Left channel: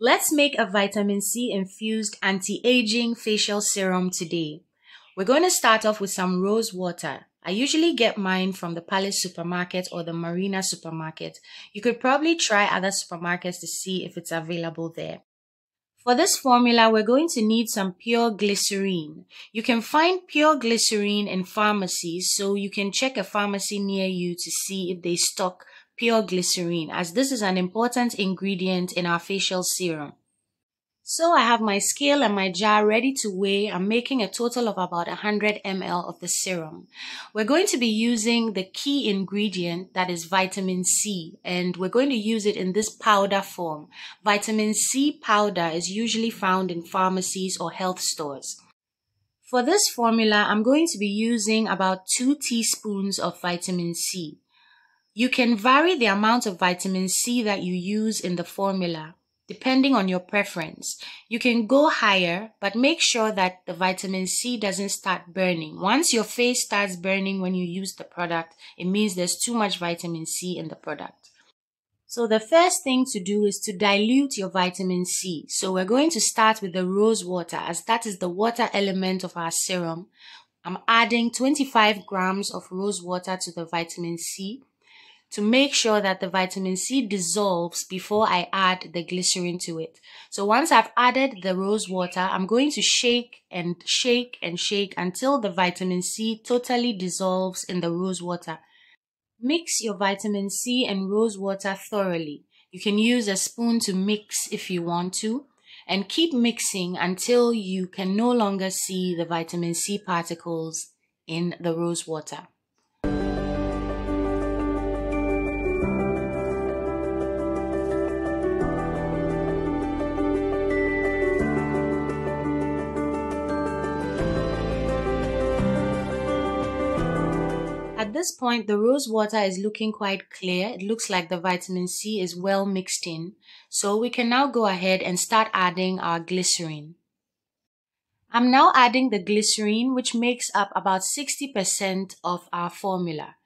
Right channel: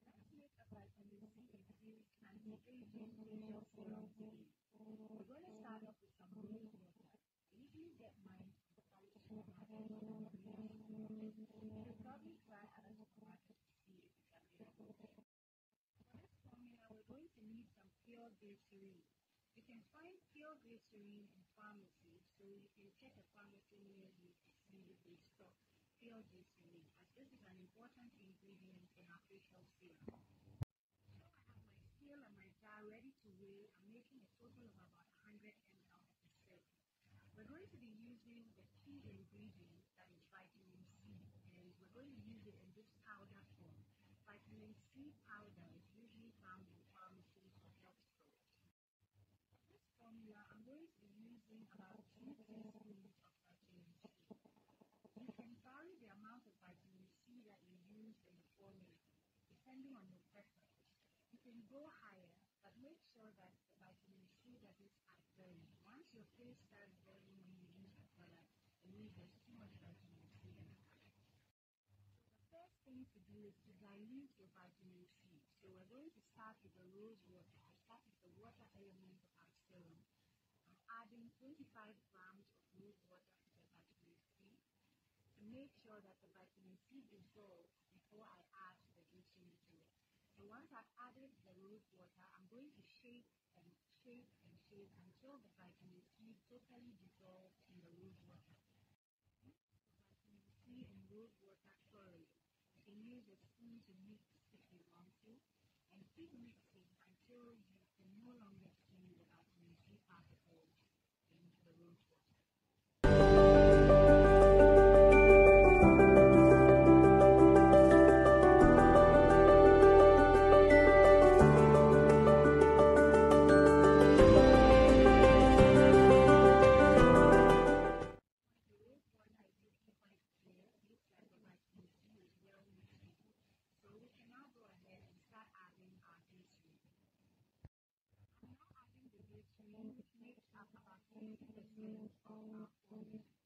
Let's make a vitamin C infused anti-aging facial serum today. We're going to start off with some rose water. I usually get mine from the Palace supermarket or the Marina supermarket. You could probably try other supermarkets to see if it's available there. For this formula, we're going to need some pure glycerine. You can find pure glycerine in pharmacies, so you can check a pharmacy near you to see if they stock pure glycerine, as this is an important ingredient in our facial serum. So I have my scale and my jar ready to weigh. I'm making a total of about 100 ml of the serum. We're going to be using the key ingredient, that is vitamin C, and we're going to use it in this powder form. Vitamin C powder is usually found in pharmacies or health stores. For this formula, I'm going to be using about 2 teaspoons of vitamin C. You can vary the amount of vitamin C that you use in the formula depending on your preference. You can go higher, but make sure that the vitamin C doesn't start burning. Once your face starts burning when you use the product, it means there's too much vitamin C in the product. So the first thing to do is to dilute your vitamin C. So we're going to start with the rose water, as that is the water element of our serum. I'm adding 25 grams of rose water to the vitamin C to make sure that the vitamin C dissolves before I add the glycerin to it. So once I've added the rose water, I'm going to shake and shake and shake until the vitamin C totally dissolves in the rose water. Mix your vitamin C and rose water thoroughly. You can use a spoon to mix if you want to, and keep mixing until you can no longer see the vitamin C particles in the rose water. At this point, the rose water is looking quite clear. It looks like the vitamin C is well mixed in. So we can now go ahead and start adding our glycerin. I'm now adding the glycerin, which makes up about 60% of our formula.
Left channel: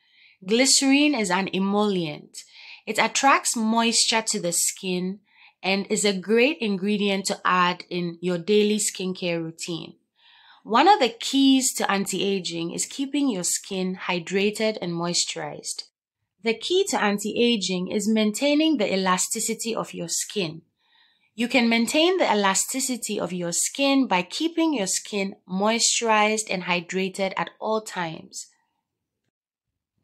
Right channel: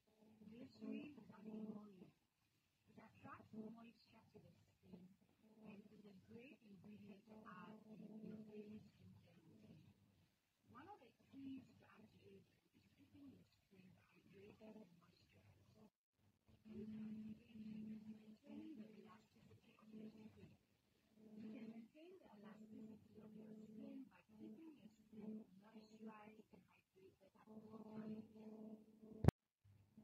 Glycerin is an emollient. It attracts moisture to the skin and is a great ingredient to add in your daily skincare routine. One of the keys to anti-aging is keeping your skin hydrated and moisturized. The key to anti-aging is maintaining the elasticity of your skin. You can maintain the elasticity of your skin by keeping your skin moisturized and hydrated at all times.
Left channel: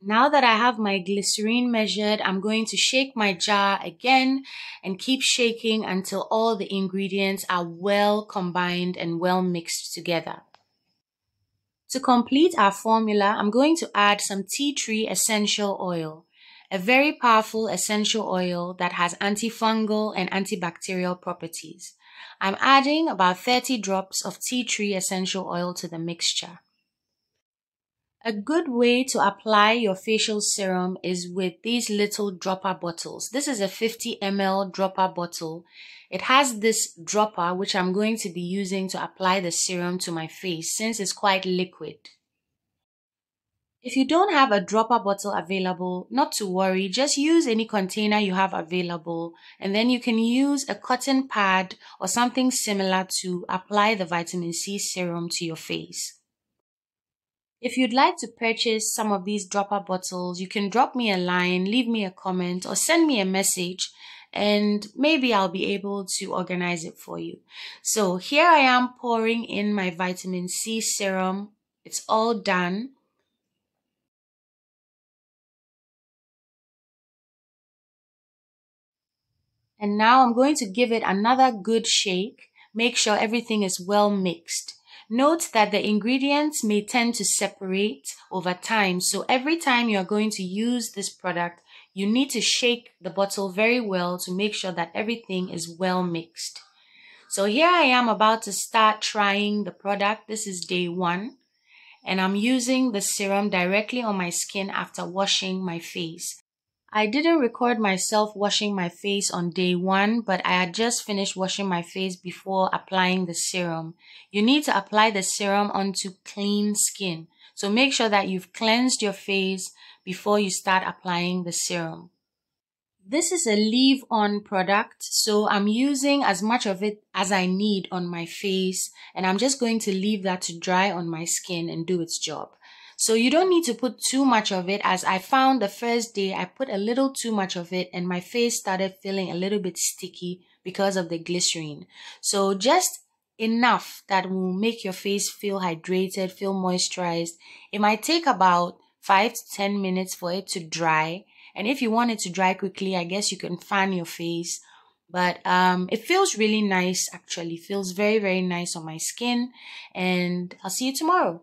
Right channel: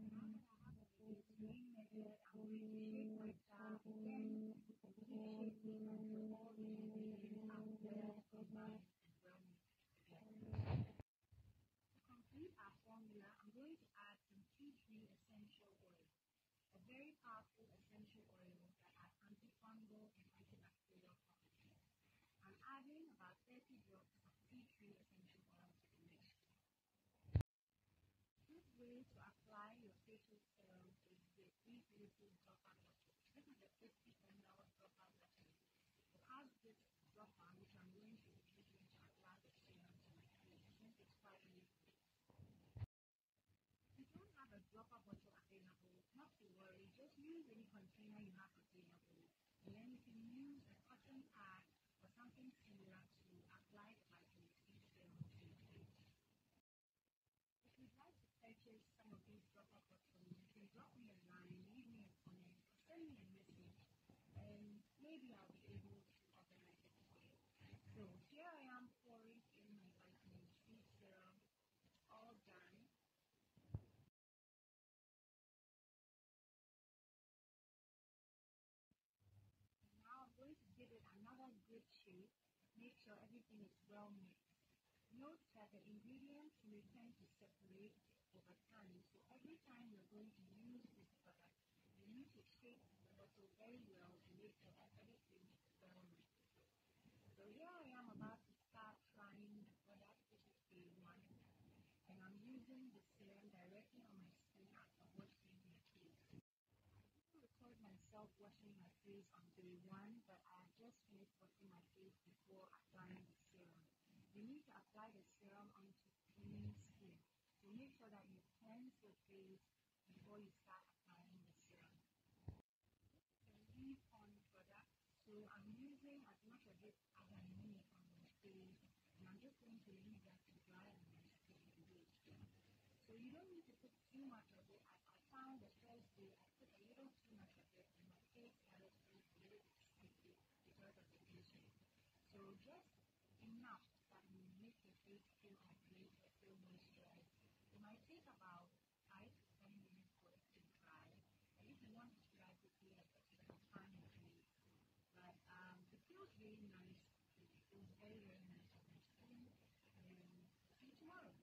Now that I have my glycerin measured, I'm going to shake my jar again and keep shaking until all the ingredients are well combined and well mixed together. To complete our formula, I'm going to add some tea tree essential oil, a very powerful essential oil that has antifungal and antibacterial properties. I'm adding about 30 drops of tea tree essential oil to the mixture. A good way to apply your facial serum is with these little dropper bottles. This is a 50 ml dropper bottle. It has this dropper which I'm going to be using to apply the serum to my face since it's quite liquid. If you don't have a dropper bottle available, not to worry, just use any container you have available, and then you can use a cotton pad or something similar to apply the vitamin C serum to your face. If you'd like to purchase some of these dropper bottles, you can drop me a line, leave me a comment, or send me a message, and maybe I'll be able to organize it for you. So here I am pouring in my vitamin C serum. It's all done. And now I'm going to give it another good shake. Make sure everything is well mixed. Note that the ingredients may tend to separate over time, so every time you're going to use this product, you need to shake the bottle very well to make sure that everything is well mixed. So here I am about to start trying the product. This is day 1, and I'm using the serum directly on my skin after washing my face. I didn't record myself washing my face on day 1, but I had just finished washing my face before applying the serum. You need to apply the serum onto clean skin. So make sure that you've cleansed your face before you start applying the serum. This is a leave-on product, so I'm using as much of it as I need on my face, and I'm just going to leave that to dry on my skin and do its job. So you don't need to put too much of it, as I found the first day I put a little too much of it and my face started feeling a little bit sticky because of the glycerin. So just enough that will make your face feel hydrated, feel moisturized. It might take about 5 to 10 minutes for it to dry. And if you want it to dry quickly, I guess you can fan your face. But it feels really nice, actually. Feels very, very nice on my skin. And I'll see you tomorrow.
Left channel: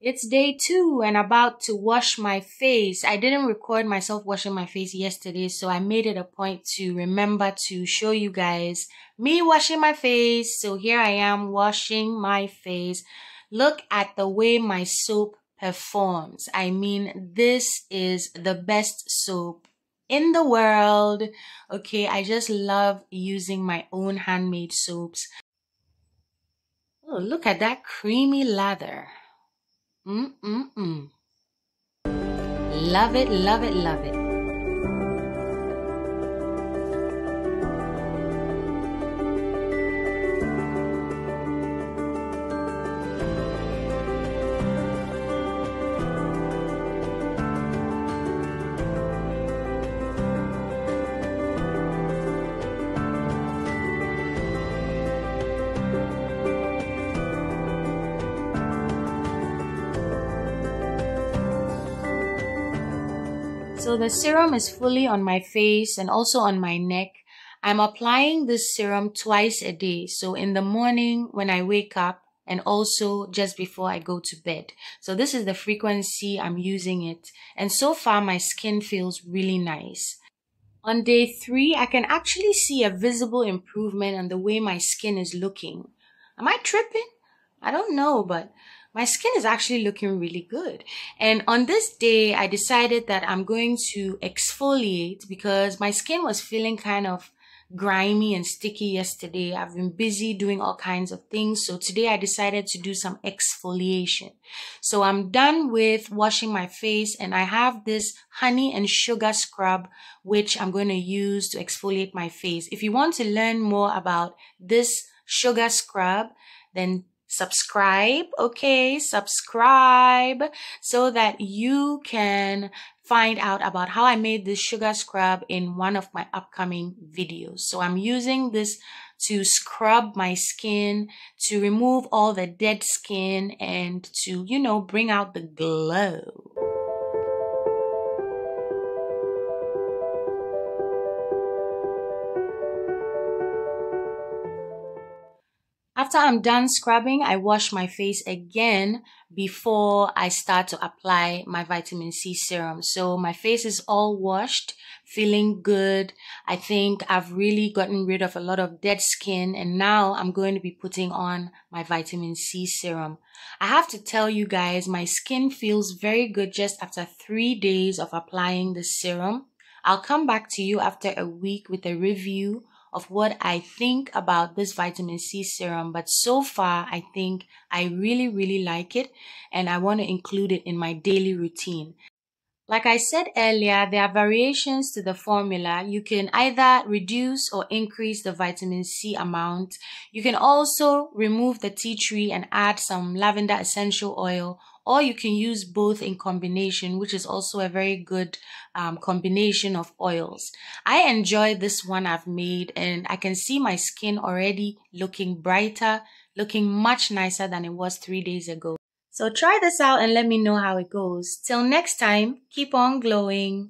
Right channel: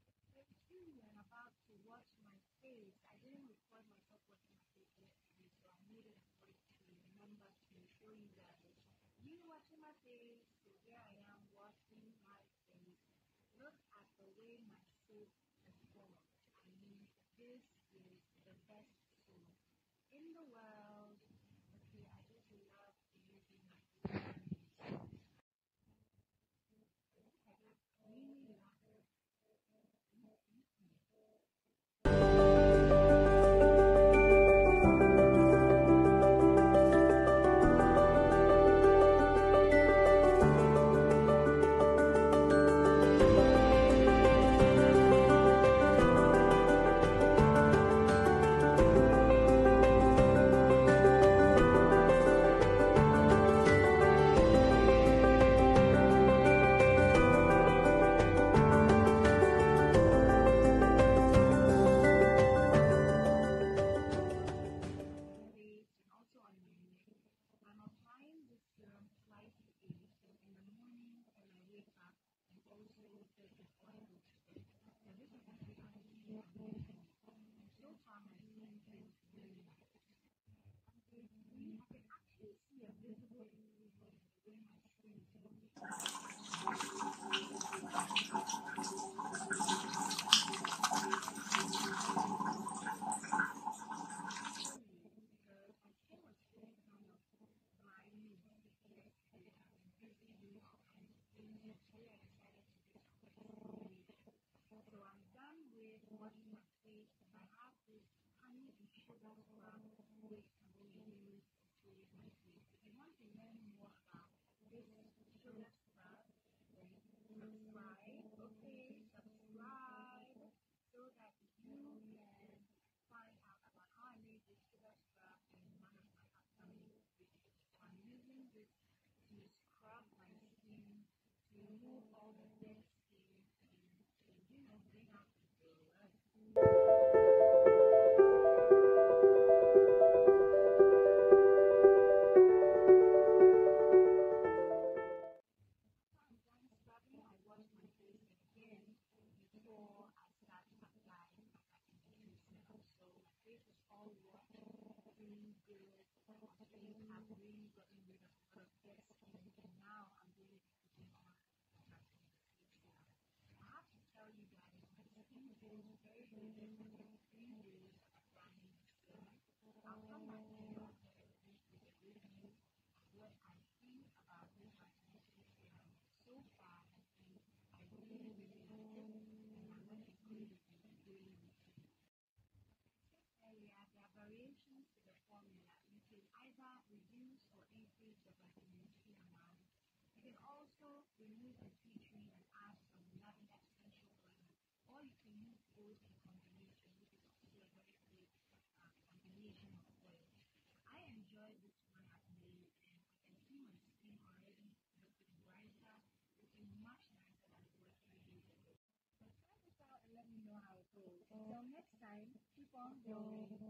It's day 2 and about to wash my face. I didn't record myself washing my face yesterday, so I made it a point to remember to show you guys me washing my face. So here I am washing my face. Look at the way my soap performs. I mean, this is the best soap in the world. Okay, I just love using my own handmade soaps. Oh, look at that creamy lather. Mm-mm-mm. Love it, love it, love it. So the serum is fully on my face and also on my neck. I'm applying this serum twice a day. So in the morning when I wake up and also just before I go to bed. So this is the frequency I'm using it. And so far my skin feels really nice. On day 3, I can actually see a visible improvement on the way my skin is looking. Am I tripping? I don't know, but my skin is actually looking really good. And on this day, I decided that I'm going to exfoliate because my skin was feeling kind of grimy and sticky yesterday. I've been busy doing all kinds of things. So today I decided to do some exfoliation. So I'm done with washing my face and I have this honey and sugar scrub which I'm going to use to exfoliate my face. If you want to learn more about this sugar scrub, then subscribe, okay? Subscribe so that you can find out about how I made this sugar scrub in one of my upcoming videos. So I'm using this to scrub my skin, to remove all the dead skin, and to, bring out the glow. After I'm done scrubbing, I wash my face again before I start to apply my vitamin C serum. So my face is all washed, feeling good. I think I've really gotten rid of a lot of dead skin and now I'm going to be putting on my vitamin C serum. I have to tell you guys, my skin feels very good just after 3 days of applying the serum. I'll come back to you after a week with a review of what I think about this vitamin C serum, but so far I think I really, really like it and I want to include it in my daily routine. Like I said earlier, there are variations to the formula. You can either reduce or increase the vitamin C amount. You can also remove the tea tree and add some lavender essential oil, or you can use both in combination, which is also a very good combination of oils. I enjoy this one I've made and I can see my skin already looking brighter, looking much nicer than it was 3 days ago. So try this out and let me know how it goes. Till next time, keep on glowing.